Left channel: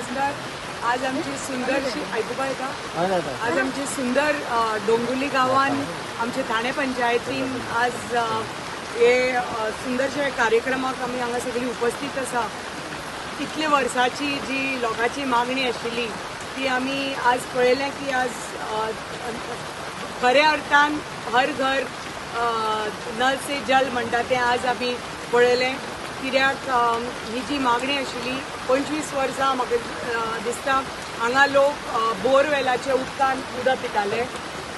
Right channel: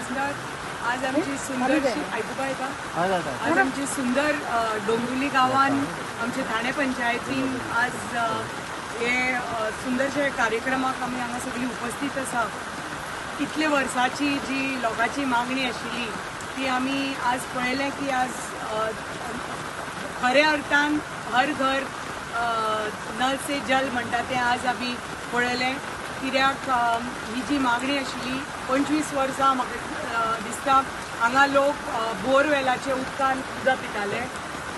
नमस्कार. आज आमची सुंदरशी आयकुपा येता आज आमची सुंदर डोंबिवली गांवान आमचे ठाणे पंचायतीन आज हे सुंदरशे कार्यक्रमाक आमी हांगा सगळी उपस्थित आसा. कितले वर्साची जी लोकांची मागणी आशिल्ली ती आमी आज पळयलें की आज खऱ्या अर्थान हर घर नल से जल म्हणटा तें आज आमी पळयलें. कित्याक ही जी मागणी आशिल्ली 25 वर्सां म्हाका दिसता हांगा लोक बोरवेलाचे उदकान उदक पिताले.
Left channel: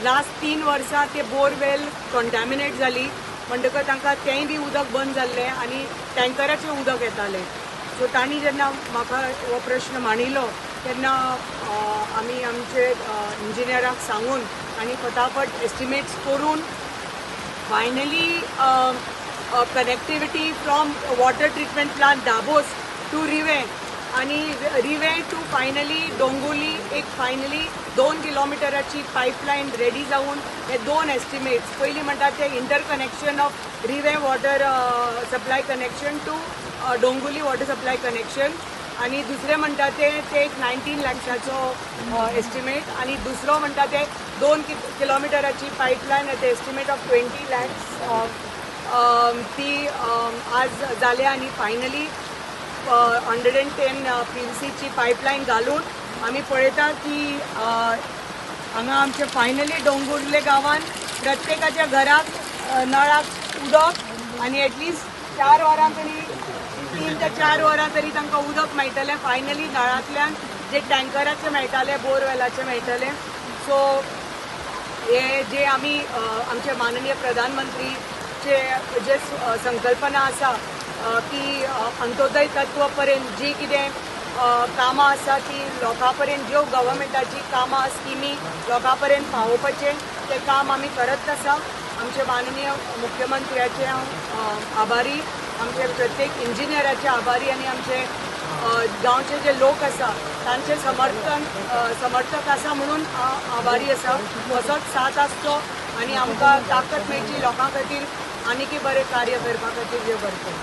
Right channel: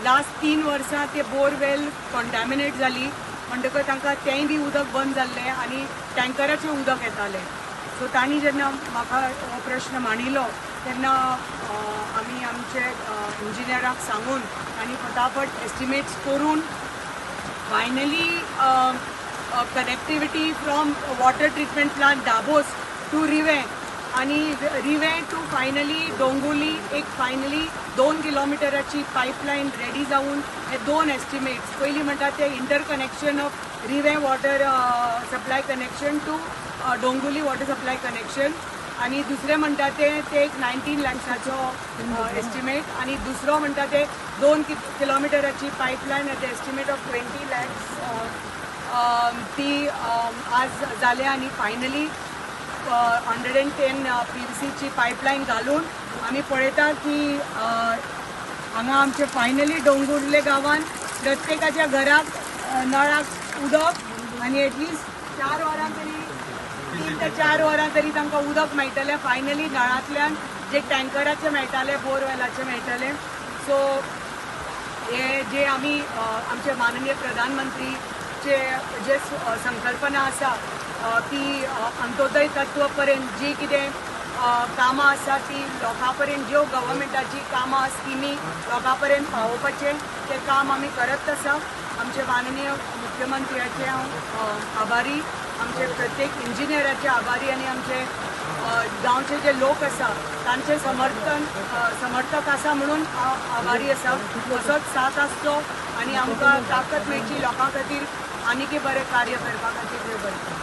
लास्ट 3 वर्सां ते बोरवेल कंटॅमिनेट जाली म्हणटकच तांकां तेंय बी उदक बंद जाल्लें आनी टँकराचें उदक येतालें. सो तांणी जेन्ना म्हाका हो प्रश्न मांडिल्लो तेन्ना आमी आमचे इंजिनियराक सांगून तांणी फटाफट एस्टिमेट्स करून finally connectivity from water treatment plant Dabos to Rive आणि रिवे टू फायनली डोंबिवली एक फायनली 2 किलोमिटराची पाईपलाईन रेडी जाऊन हे 2 एस्टिमेट्स पयलीं म्हणटा ते interconnection of Rive water supply connection to Dombivli water supply connection आणि दुसरे म्हणटा ते एक 19 लाखाचो एस्टिमेट आणि दुसरो म्हणटा ते 2 किलोमिटराची pipeline at the estimate of 20 lakhs ती आज जाले आणि फायनली 110 PVCची पाईपलाईन घालून आम्ही पळयता की हांगा आमचे फायनली डोंबिवले गांवान प्रत्येकाच्या घराक नळाक उदक आणि एटलिस्ट 4 वरां तरी 3 ते 4 वरां तरी तांकां उदक मेळटलें. फायनली नळांतल्यान जे टँकराचे मेळटाले बोरवेलाचे मेळटले. सो हे जे आमी आमचे माननीय प्रधानमंत्री जे संकल्पना आसा की अंत्योदय तत्व पर्यंत जी कितें कामां आसा ती लोकां पर्यंत ज्यो गव्हर्मेंटाची कामां स्किमी लोकां पर्यंत पावोवपाचें तें काम आमी करत आसा. आमचे माननीय मुख्यमंत्र्याचे हांव आभारी, आमचे प्रत्येक इंजिनियराचे आभारी आणि आमचे गांवचे जे लोक आसा तांचे समर्थक आसा म्हणून आभारी आसा. असोच साथ आसचो आणि आमकां ताकद मेळची लोकां खातीर आनीकय बरें कार्य करपा खातीर देव बरें करूं.